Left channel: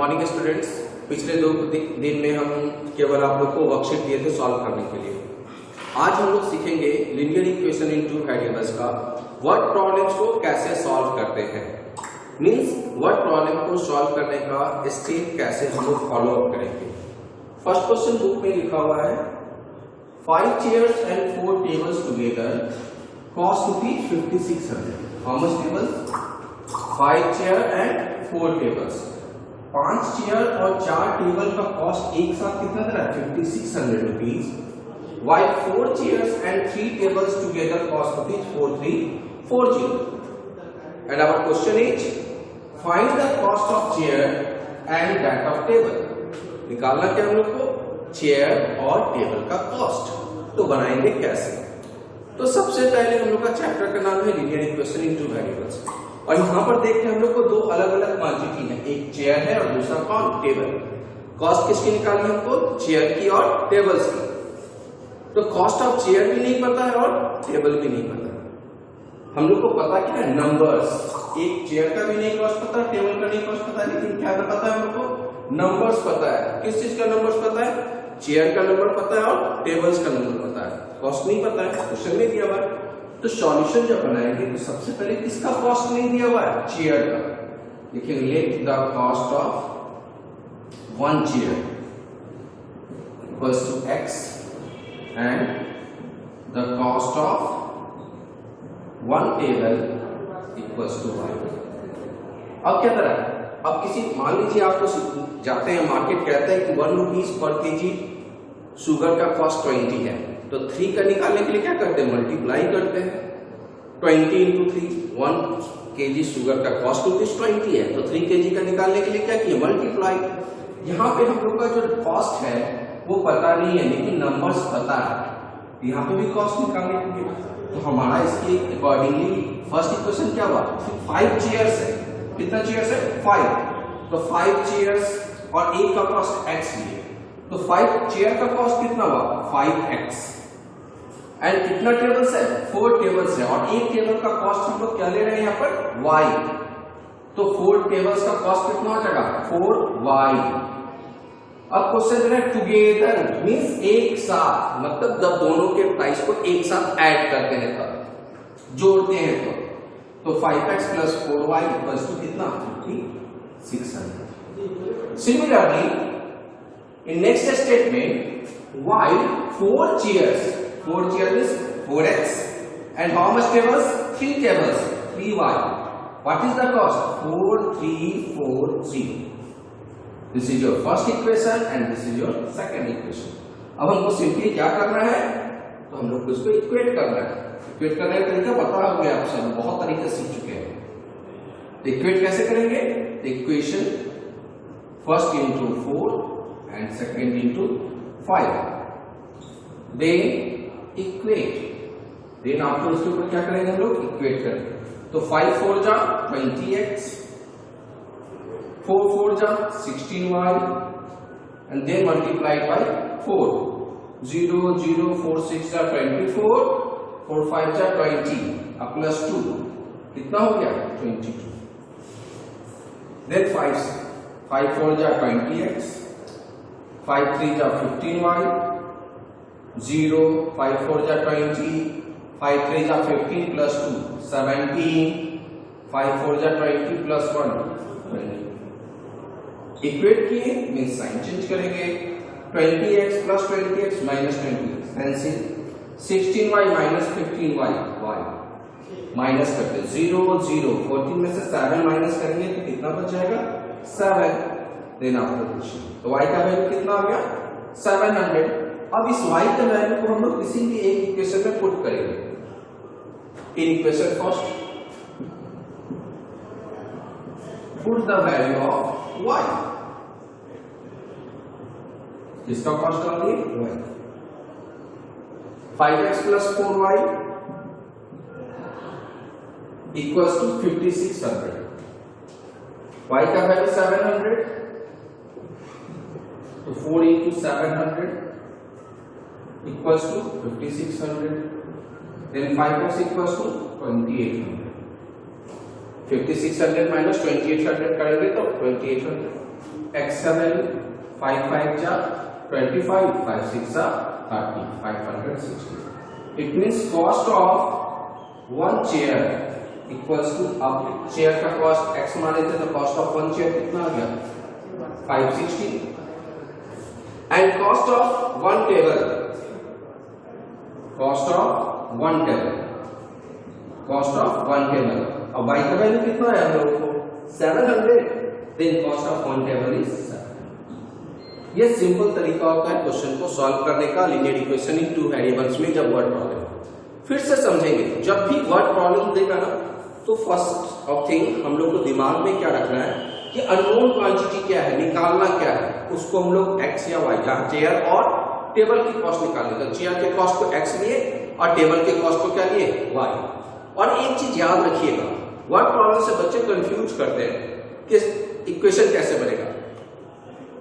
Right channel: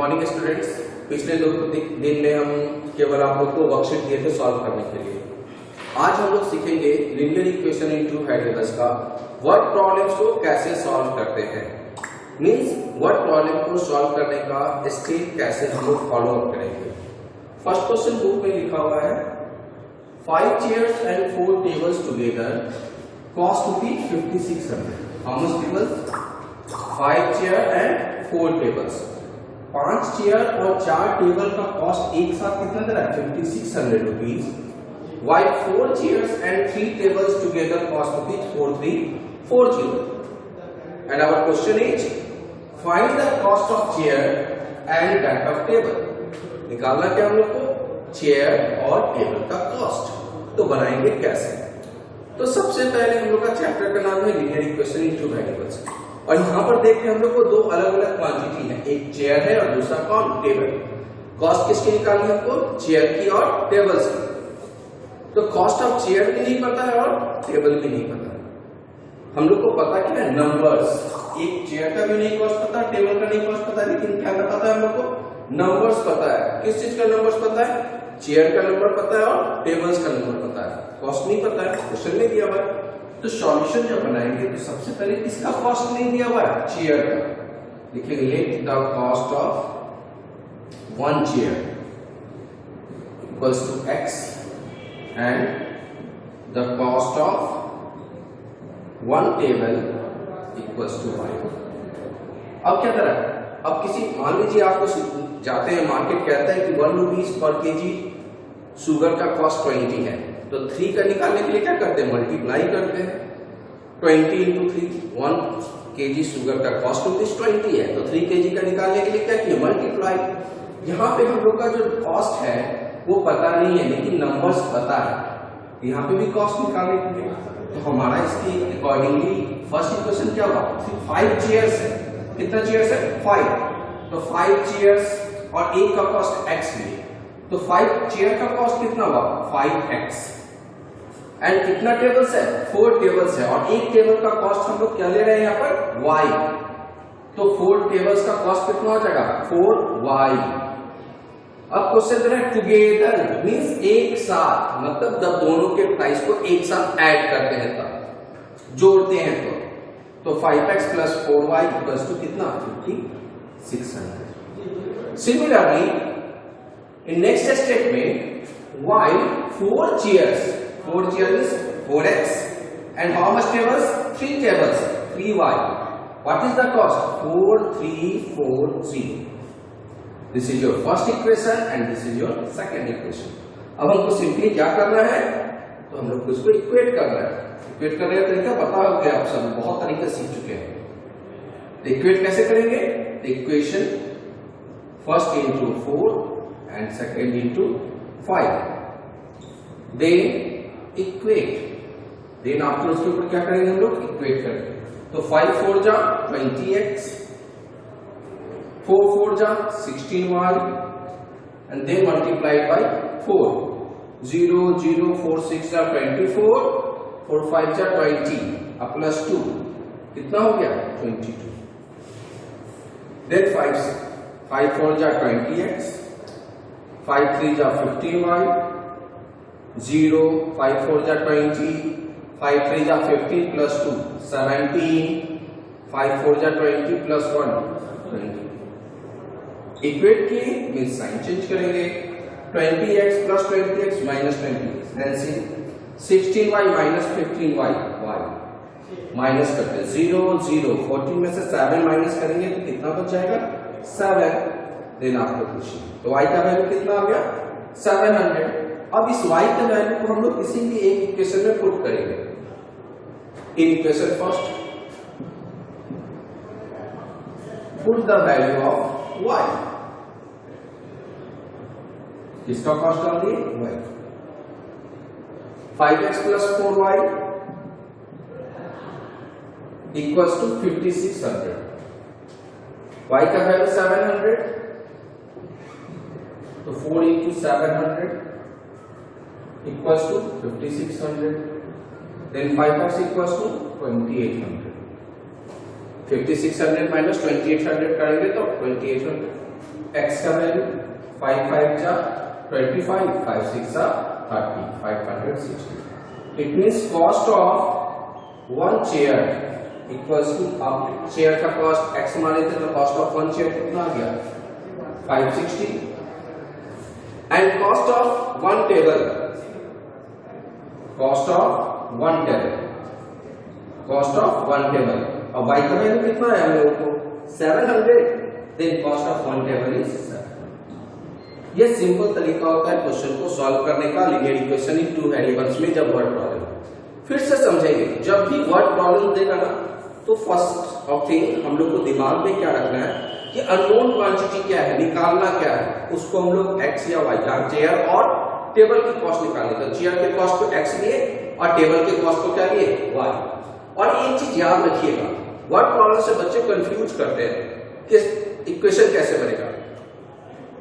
Morning students. पिछले 2 दिन में हम केवल आप लोग को वर्कशीट दिए थे सॉल्व करने के लिए। आज हम लोग सीखेंगे लीनियर इक्वेशन इन 2 वेरिएबल्स का वर्ड प्रॉब्लम्स को कैसे सॉल्व करते हैं, मींस वर्ड प्रॉब्लम को सॉल्व करने का स्टेप कैसे हम लोग फॉलो अप करेंगे। फर्स्ट क्वेश्चन बुक में लिखा हुआ है 5 chairs and 4 tables together cost rupees 5600. How much tables? 5 chair and 4 tables. 5 chair और 4 टेबल का कॉस्ट एक साथ कितना दे रहा है? 5600 rupees. While 4 chairs and 3 tables together cost rupees 4340. And our question is find the cost of chair and that of table. निकालना क्या हम लोग को? चेयर और टेबल का कॉस्ट। तो बनाएंगे कैसे? तो सबसे पहले हम लोग का चैप्टर का नाम है लीनियर इक्वेशन इन 2 वेरिएबल्स और यहाँ पर देखते हैं हम लोग को 2 अलग अलग क्वांटिटी है, एक चेयर है और दूसरा कौन? टेबल। कॉस्ट किसकी निकालनी है हमको? चेयर की और टेबल्स की। तो कॉस्ट ऑफ चेयर भी नहीं पता है और टेबल भी नहीं पता है। हम लोग को पता क्या है? नंबर्स। एक चेयर का भी नहीं कॉस्ट पता, टेबल का नहीं कॉस्ट पता, लेकिन क्या पता है हम लोग को? नंबर्स पता है। किस चीज का नंबर्स पता है? चेयर का नंबर पता है और टेबल्स का नंबर पता है, कॉस्ट नहीं पता है, क्वेश्चन में दिया हुआ है। तो सॉल्यूशन जब बनाएंगे तो सबसे पहले किसका कॉस्ट नहीं दिया हुआ है? चेयर का। लिखेंगे let the cost of 1 chair equals to x and the cost of 1 table equals to y. अब क्या करें? अब किसी मान लीजिए आपको जाते हैं मार्केट, कहता है कि 1 रुपीज पर केजी शुगर का कॉस्ट 20 है, तो 3 का निकालने के लिए क्या करते हैं? मल्टीप्लाई करते हैं। 20 into 3, 1 kg शुगर का कॉस्ट रुपीज 20 है, तो 3 kg का निकालने के लिए क्या किया? मल्टीप्लाई। यहाँ पे हम लोग का जो कॉस्ट है वो पता नहीं है, लेकिन नंबर्स पता है। यहाँ पे भी कॉस्ट निकालेंगे तो हमारा इसके अकॉर्डिंगली फर्स्ट इक्वेशन क्या हुआ? 5 चेयर्स है। कितना चेयर्स है? 5। तो 5 चेयर्स और एक का कॉस्ट x लिए, तो 5 चेयर का कॉस्ट कितना हुआ? 5x। एंड कितना टेबल्स है? 4 टेबल्स है और एक टेबल का कॉस्ट हम लोग क्या ले रहे हैं यहाँ पर? y। तो 4 टेबल्स का कॉस्ट कितना हो जाएगा? 4y। अब क्वेश्चन है टुगेदर मींस एक साथ, मतलब जब दोनों के प्राइस को एक साथ ऐड करते हैं तब जोड़ते हैं तो 5x plus 4y equals to कितना? 5600। Similarly in next statement while 4 chairs is 4x and how much tables? 3 tables 3y. What is the cost? 4340. This is your first equation and this is your second equation. अब हमको simply क्या करना है? तो हम लोग को इसको इक्वेट करना है। इक्वेट करने का तरीका पता हो गया, आप सब बहुत तरीके सीख चुके हैं। तो इक्वेट कैसे करेंगे? Equation first into 4 and second into 5, then equate, then after उसके ऊपर क्या करेंगे हम लोग? इक्वेट करेंगे। तो 5 4 जा 20x, 4 4 जा 16y and then multiplied by 4, 0 0 4 6 जा 24, 4 5 जा 20 अब प्लस 2 कितना हो गया? 22। then 5 4 जा 20x, 5 3 जा 15y, 0 5 4 जा 20, 5 3 जा 15 प्लस 2 17, 5 4 जा 20 प्लस 1 20। इक्वेट किए मींस साइन चेंज करेंगे। 20x plus 20x minus 20x NC 16y minus 15y y minus करते 0 0 14 में से 7 माइनस करेंगे तो कितना बच जाएगा? 7। देन आफ्टर क्वेश्चन तो y का वैल्यू कितना आ गया? 700। अब इस y का वैल्यू को हम लोग किसी भी एक इक्वेशन में पुट करेंगे। In equation first put the value of y, किसका कॉस्ट डाल दिए? y। 5x plus 4y equals to 5600। y का वैल्यू 700, तो 4 into 700 equals to 5600, then 5x equals to 2800। 5600 minus 2800 करेंगे तो 2800 x का वैल्यू 5 5 जा 25, 5 6 जा 30, 560. It means cost of one chair equals to, अब चेयर का कॉस्ट x माने थे तो कॉस्ट ऑफ वन चेयर कितना आ गया 560, and cost of one table, cost of one table, cost of one table. अब y का वैल्यू कितना है हम लोगों को 700, then cost of one table is 700. ये सिंपल तरीका होता है क्वेश्चन को सॉल्व करने का linear equation in two variables में जब वर्ड प्रॉब्लम। फिर से समझेंगे, जब भी वर्ड प्रॉब्लम देगा ना तो फर्स्ट ऑफ थिंग हम लोग को दिमाग में क्या रखना है कि अननोन क्वांटिटी क्या है, निकालना क्या है, उसको हम लोग x या y, जहां चेयर और टेबल की कॉस्ट निकालने, तो चेयर के कॉस्ट को x लिए और टेबल के कॉस्ट को क्या लिए y। और एक चीज याद रखिएगा, वर्ड प्रॉब्लम से बच्चे कंफ्यूज करते हैं कि इक्वेशन कैसे बनेगा।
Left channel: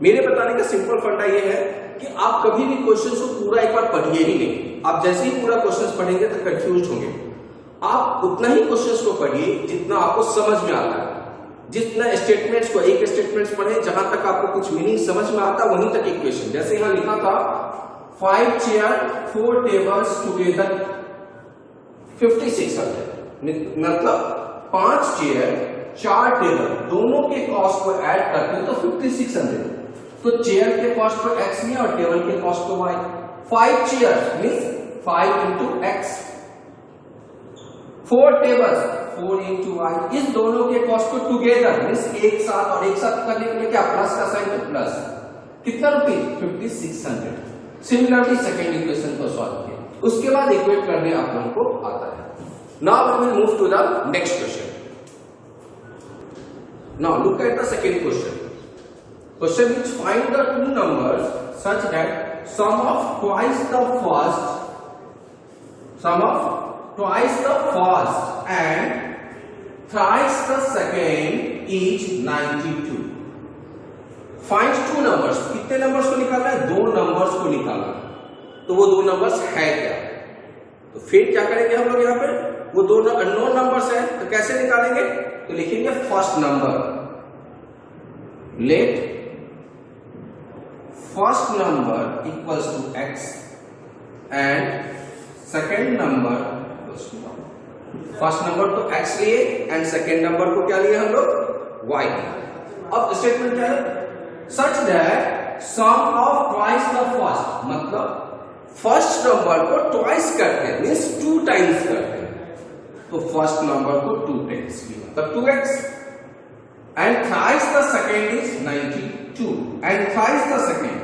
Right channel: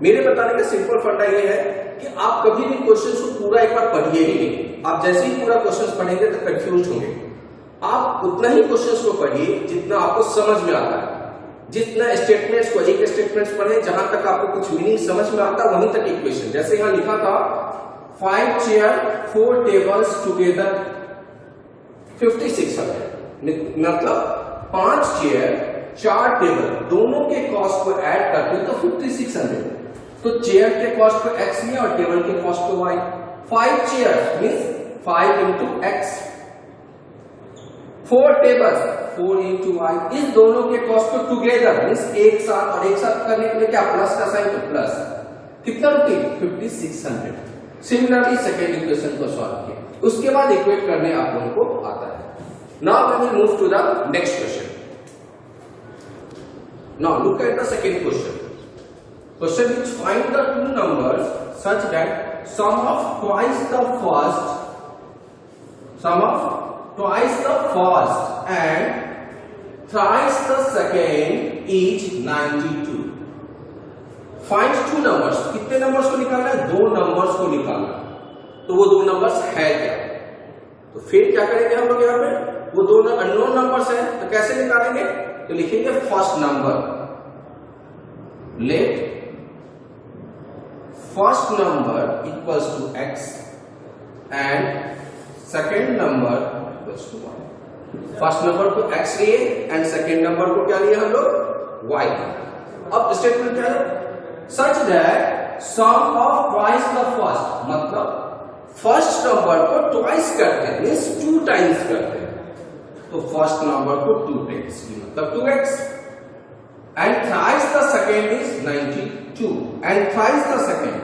मेरे बताने का सिंपल फंडा ये है कि आप कभी भी क्वेश्चन को पूरा एक बार पढ़िए ही नहीं। आप जैसे ही पूरा क्वेश्चन पढ़ेंगे तो कंफ्यूज होंगे। आप उतना ही क्वेश्चन को पढ़िए जितना आपको समझ में आता है। जितना स्टेटमेंट्स को एक स्टेटमेंट्स पढ़े जहां तक आपको कुछ मीनिंग समझ में आता है वहीं तक इक्वेशन। जैसे यहां लिखा था 5 चेयर 4 टेबल्स टुगेदर 5600, मतलब 5 चेयर 4 टेबल दोनों के कॉस्ट को ऐड करते हैं तो 5600। तो चेयर के कॉस्ट को x में और टेबल के कॉस्ट को y। 5 chair means 5 into x, 4 tables 4 into y, इस दोनों के कॉस्ट को टुगेदर मींस एक साथ, और एक साथ करने के लिए क्या प्लस का साइन, तो प्लस कितना रुपए 5600। सिमिलरली सेकंड इक्वेशन को सॉल्व किया, उसके बाद इक्वेट करने आप लोगों को आता है। Now we will move to the next question. Now look at the second question. Question which find the two numbers such that sum of twice the first and thrice the second is 92. Find two numbers. कितने numbers को निकालना है? दो numbers को निकालना। तो वो दो नंबर्स है क्या? तो फिर क्या करेंगे हम लोग यहाँ पे? वो दो अननोन नंबर्स हैं, तो कैसे निकालेंगे? तो लिखेंगे first number, let first number equals to x and second number equals to y. First number को x लिए एंड सेकेंड नंबर को क्या लिए हम लोग y। अब स्टेटमेंट क्या है? Such that sum of twice the first, मतलब फर्स्ट नंबर को ट्वाइस करते हैं मींस 2 टाइम्स करते हैं, तो फर्स्ट नंबर को 2 टाइम्स मतलब 2x and thrice the second is 92 and thrice the second,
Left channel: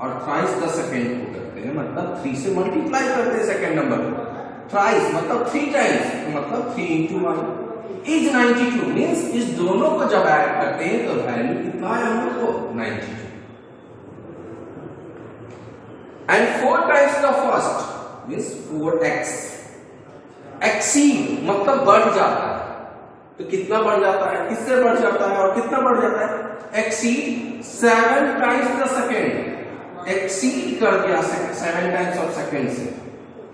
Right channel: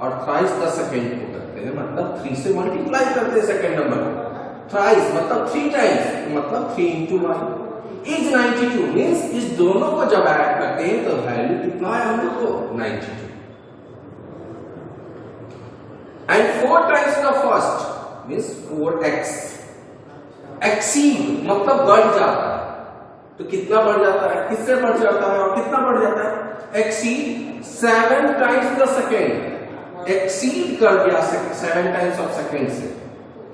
और थ्राइस द सेकेंड को करते हैं मतलब 3 से मल्टीप्लाई करते हैं सेकेंड नंबर को। थ्राइस मतलब 3 टाइम्स, मतलब 3 into 1 इज 92 मींस इस दोनों को जब ऐड करते हैं तो वैल्यू कितना है हम लोग को 92। And 4 times the first means 4x, exceed मतलब बढ़ जाता है, तो कितना बढ़ जाता है, किससे बढ़ जाता है और कितना बढ़ जाता है? Exceed 7 times the second, exceed कर दिया 7 टाइम्स ऑफ सेकेंड से,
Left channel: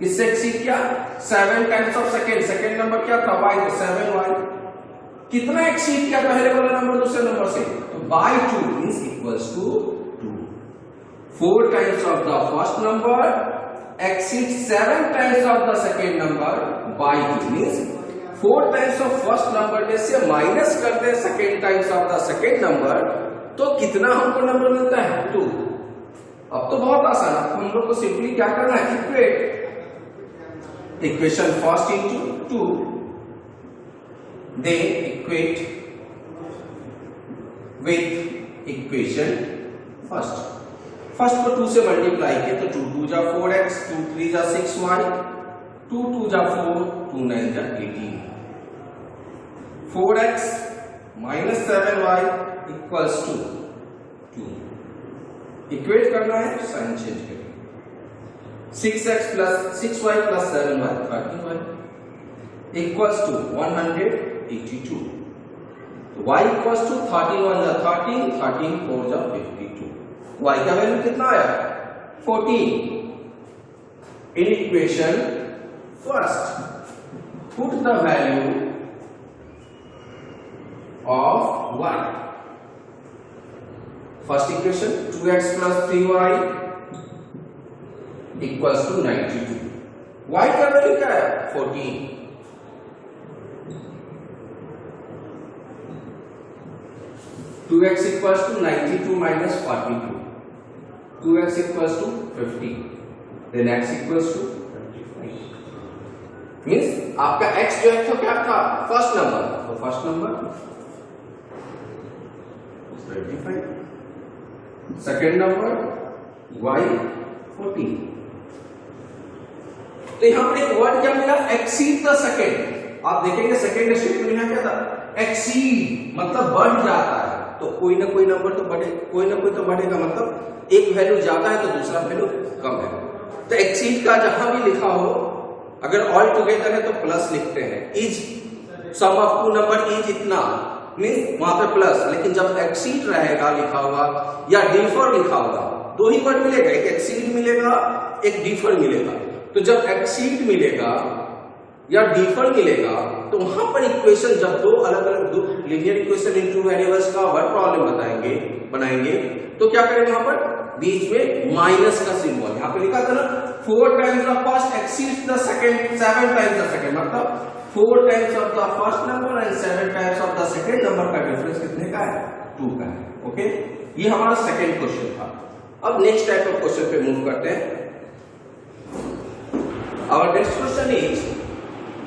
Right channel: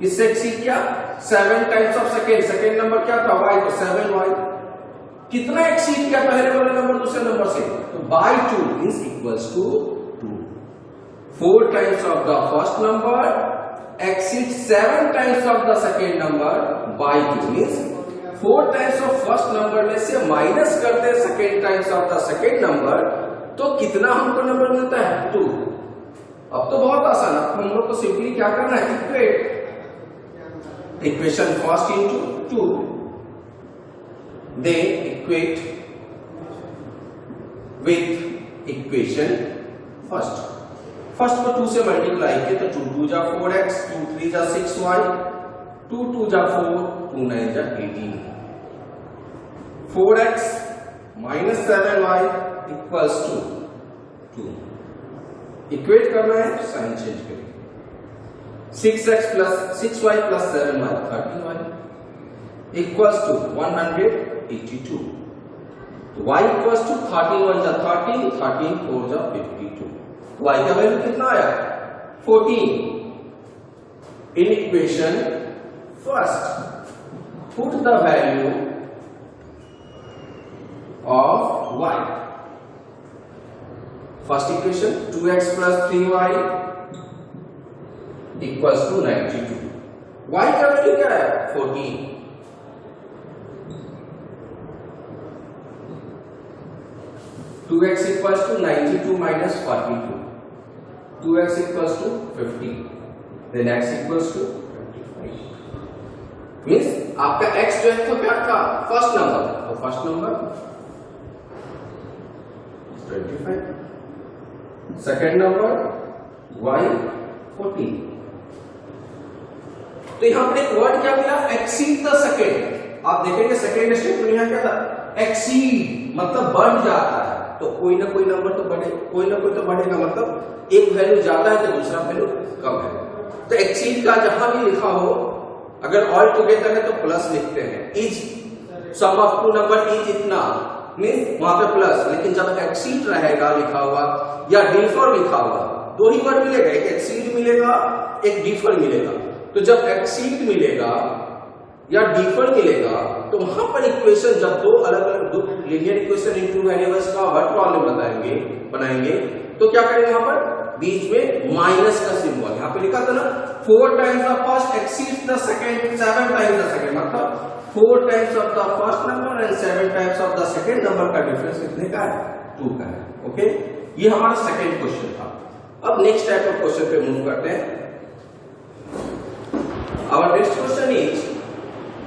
इससे एक्सीड क्या 7 times of second, second number क्या था y, तो 7y, कितना एक्सीड किया पहले वाला नंबर दूसरे नंबर से, तो by 2 means equals to 2। 4 times of the first number exceed 7 times of the second number by 2 means 4 times of first number में से माइनस करते हैं second times of the second number, तो कितना हमको नंबर मिलता है 2। अब तो बहुत आसान है, हम लोग को सिंपली क्या करना है, equate equation first into 2, they equate with equation first. First को 2 से मल्टीप्लाई किया तो 2 2 जा 4x, 2 3 जा 6y, 2 2 जा 4, 2 9 जा 18, 4x minus 7y equals to 2। Equate करना है, साइन चेंज करेंगे, 6x plus 6y plus 7y 30y equals to 182। तो y इक्वल्स टू 13 1 जा 13, 13 4 जा 52, y का वैल्यू कितना आया 14। In equation first put the value of y, first equation 2x plus 3y equals to 92. y का value क्या है 14. 2x equals to 92 minus 42. 2x equals to 50. Then x equals to 25. Means आपका x जो है तो क्या था फर्स्ट नंबर, तो first number 25, second number y 14. तो यहां पर एक वर्ड क्या मिला एक्सीड द सेकेंड. आप देखेंगे सेकेंड स्टेटमेंट यहां क्या था एक्सीड मतलब बढ़ जाता है. तो कोई ना कोई नंबर तो बढ़े, कोई ना कोई तो बढ़ेगा, मतलब एक वैल्यू ज्यादा है तो दूसरा वैल्यू कम है. तो एक्सीड का जहां भी लिखा हो अगर ऑल टुगेदर है तो प्लस लिखते हैं. Is sum of two number is इतना मींस वहां पे प्लस, लेकिन जब एक्सीड रहेगा लिखा हुआ या डिफर लिखा हुआ दो ही वर्ड मिलेगा, एक एक्सीड मिलेगा एक डिफर मिलेगा. तो जब एक्सीड मिलेगा या डिफर मिलेगा तो वहां पर इक्वेशन जब दो अलग अलग linear equation in two variables का वर्ड प्रॉब्लम बनाएंगे तो क्या करेंगे वहां पर बीच में माइनस का सिंबल. यहां पे लिखा था ना 4 times the first exceeds the second 7 times the second, मतलब 4 times of the first number and 7 times of the second number का डिफरेंस कितने का है 2 का है. ओके, ये हमारा सेकंड क्वेश्चन था. अब नेक्स्ट टाइप ऑफ क्वेश्चन पे मूव करते हैं. Our next question is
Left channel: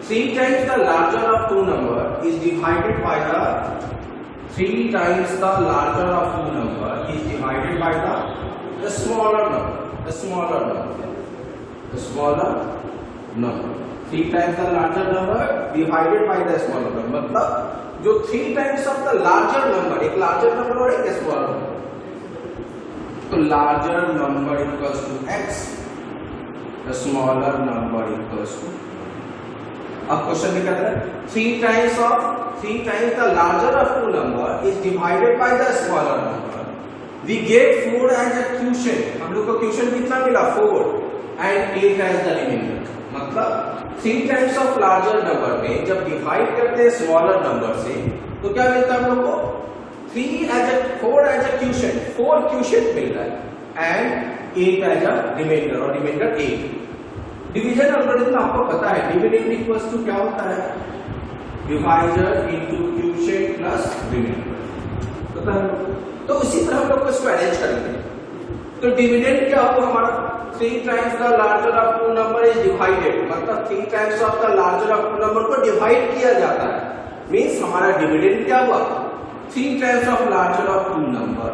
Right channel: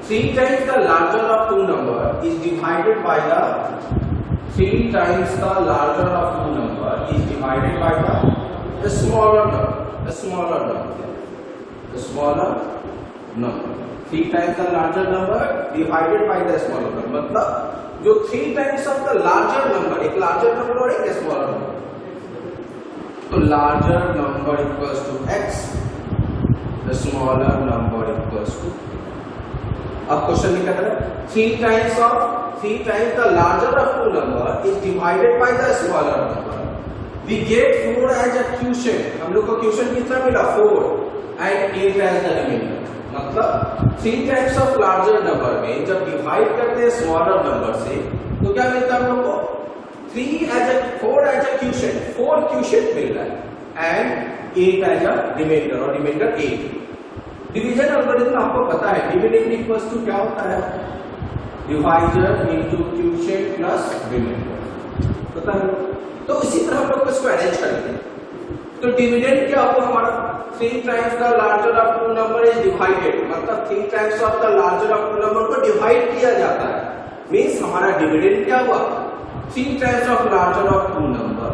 3 times the larger of two number is divided by the 3 times the larger of two number is divided by the smaller number. The smaller number. 3 times the larger number divided by the smaller number. मतलब जो 3 times of the larger number, एक larger number और एक smaller number. तो larger number equals to x. The smaller number equals to. अब question लिखा है 3 times the larger of two number is divided by the smaller number. We get 4 as a quotient. हम लोग को question कितना मिला 4 and 8 as the remainder. मतलब 3 times of larger number में जब डिवाइड करते हैं स्मॉलर नंबर से तो क्या मिलता है हम लोग को 4 as a quotient, 4 quotient मिल रहा है and 8 as a remainder और रिमाइंडर 8. डिवीजन एल्गोरिथम आपको पता है डिविडेंड इक्वल्स टू क्या होता है divisor into quotient plus remainder, पता है. तो इसी तरह हम लोग इसको अरेंज करेंगे. तो डिविडेंड क्या होगा हमारा 3 times the larger of two number is divided, मतलब 3 times of the larger of two number को डिवाइड किया जाता है. मींस हमारा डिविडेंड क्या हुआ 3 times of larger of two number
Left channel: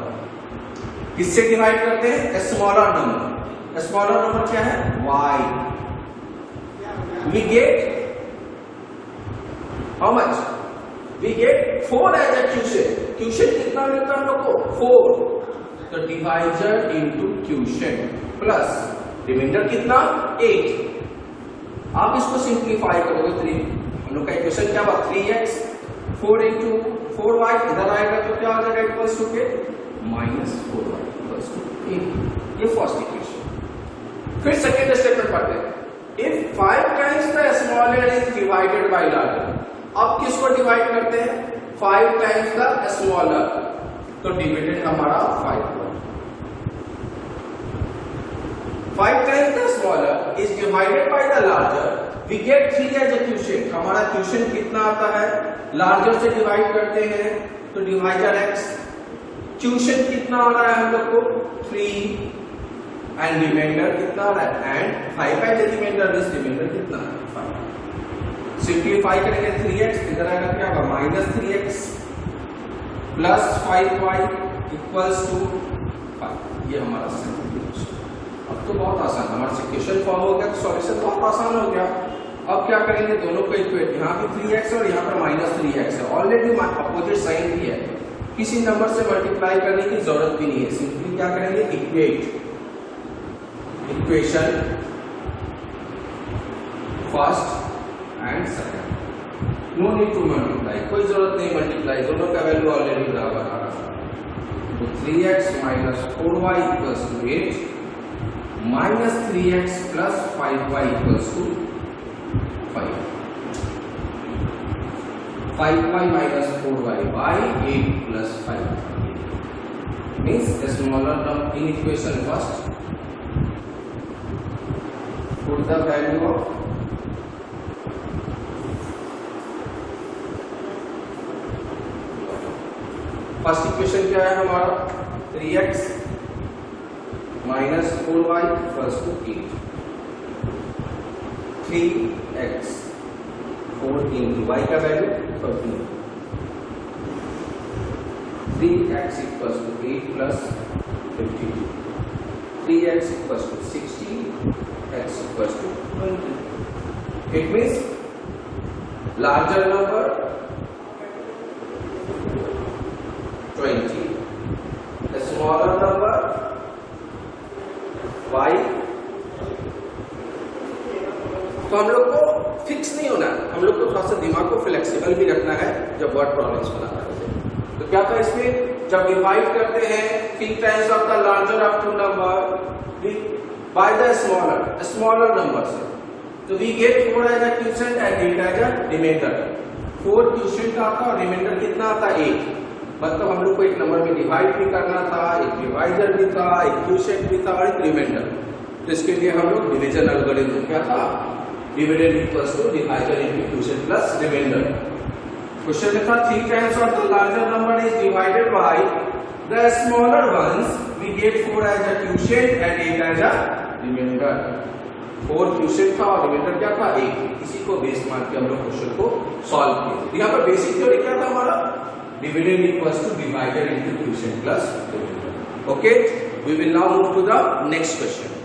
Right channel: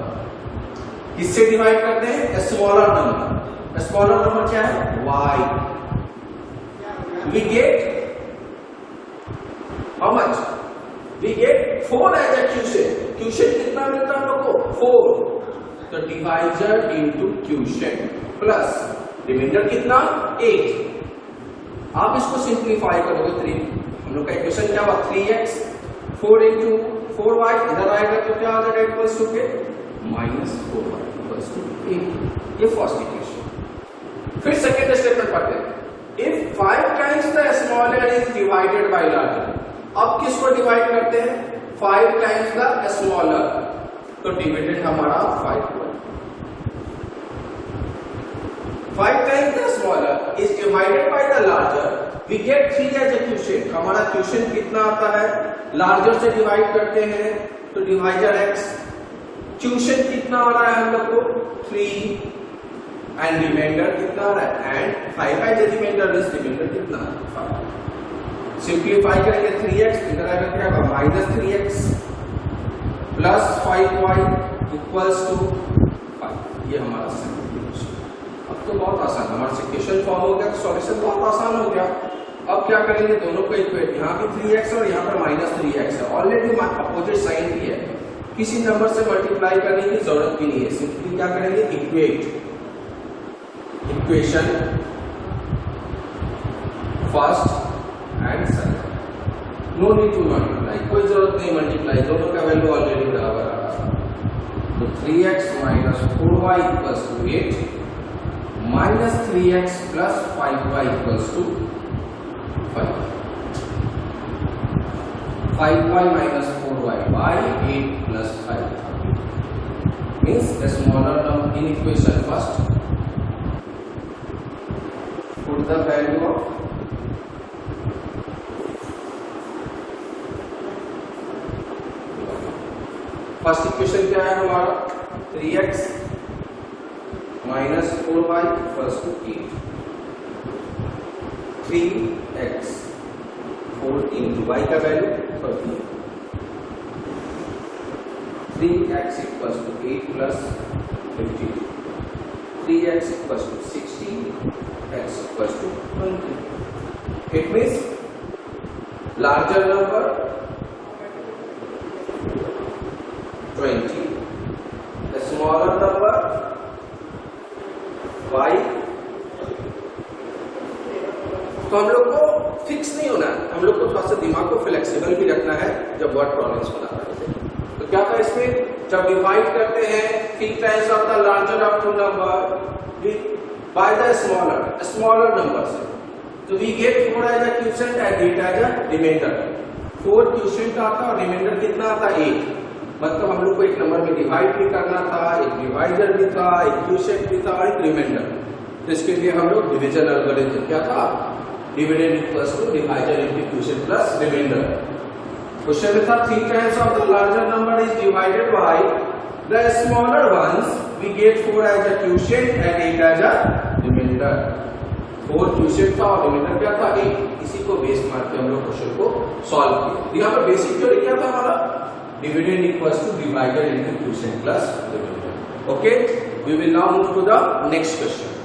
किससे डिवाइड करते हैं स्मॉलर नंबर. स्मॉलर नंबर क्या है y. We get how much? We get 4 as a quotient. Quotient कितना मिलता है हम लोग को 4. तो divisor into quotient plus remainder कितना 8. आप इसको सिंपलीफाई करोगे तो हम लोग का इक्वेशन क्या हुआ 3x 4 into 4y इधर आएगा तो क्या आ जाएगा इक्वल्स टू के -4y इक्वल्स टू 8. ये फर्स्ट इक्वेशन. फिर सेकंड स्टेटमेंट पढ़ते हैं. If 5 times the smaller is divided by larger, अब किसको डिवाइड करते हैं 5 times the smaller, तो डिविडेंड हमारा 5 हुआ. 5 times the smaller is divided by the larger, we get 3 as a quotient. हमारा क्वोशिएंट कितना आता है लार्जर से डिवाइड करते हैं तो डिवाइजर x. क्वोशिएंट कितना आ रहा है हम लोग को 3 एंड रिमाइंडर कितना आ रहा है and 5 by the remainder means remainder कितना 5. सिंपलीफाई करेंगे 3x इधर आएगा क्या होगा -3x plus 5y equals to 5. ये हमारा सेकंड इक्वेशन. अब तो बहुत आसान हमारा इक्वेशन फॉर्म हो गया तो सॉल्यूशन बहुत आसान हो गया. अब क्या करेंगे दोनों को इक्वेट, यहाँ पे 3x और यहाँ पर -3x है. ऑलरेडी अपोजिट साइन भी है, किसी नंबर से मल्टीप्लाई करने की जरूरत भी नहीं है. सिंपली क्या करेंगे equate equation first and second. No need to multiply, कोई जरूरत नहीं मल्टीप्लाई, दोनों का वैल्यू ऑलरेडी बराबर आ रहा है. तो 3x minus 4y equals to 8 minus 3x plus 5y equals to 5. 5y minus 4y by 8 plus 5. means a smaller term in equation first. Put the value of first equation क्या है हमारा 3x minus 4y equals to 8. 3x 4 into y का value 13. 3x equals to 8 plus 15. 3x equals to 16. x equals to 20. It means larger number 20, the smaller number y. तो हम लोग को fix नहीं होना है, हम लोग को थोड़ा सा दिमाग को फ्लेक्सिबल भी रखना है जब वर्ड प्रॉब्लम्स बना रहे हैं. तो क्या था इसमें, जब डिवाइड करते हैं 3 times of the larger of two number by the smaller numbers, तो we get 4 as a quotient and 8 as a remainder. 4 quotient आता है और रिमाइंडर कितना आता है 8. मतलब हम लोग को एक नंबर में डिवाइड भी करना था, एक डिवाइडर भी था, एक क्वोशिएंट भी था और एक रिमाइंडर. तो इसके लिए हम लोग डिवीजन एल्गोरिथम क्या था, dividend equals to divider into quotient plus remainder. Question में था 3 times of the larger number is divided by the smaller once, we get 4 as a quotient and 8 as a remainder. 4 quotient था और reminder क्या था 8. इसी को base मार के हम लोग क्वेश्चन को सॉल्व किया. यहाँ पर बेसिक थ्योरी क्या था हमारा, dividend equals to divided into quotient plus remainder. Okay, we will now move to the next question.